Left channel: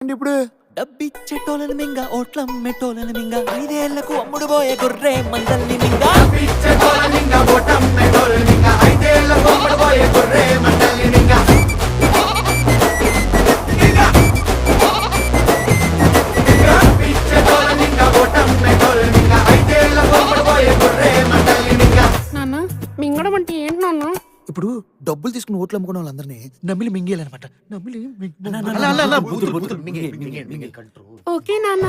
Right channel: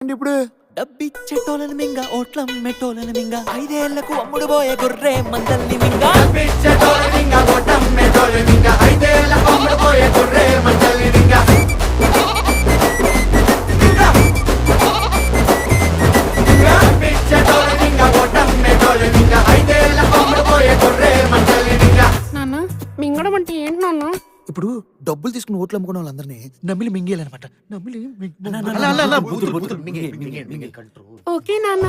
ఇప్పుడు డబ్బిచ్చేటోళ్ళని మింగ ఓట్లం మెట్టోళ్ళని మింగ 5 ఏళ్లకు అమ్ముడు పోయే గొర్రె మందల్ని మింగ నాన్న మింగడం అంటే ఏంటి నాన్న? ఇప్పుడు డబ్బులు తీసుకుని ఓట్లు అమ్ముకున్న వాళ్ళందరినీ నమ్మిలి మింగేయాలన్నమాట. నమ్మిలి ఓకే నాన్న.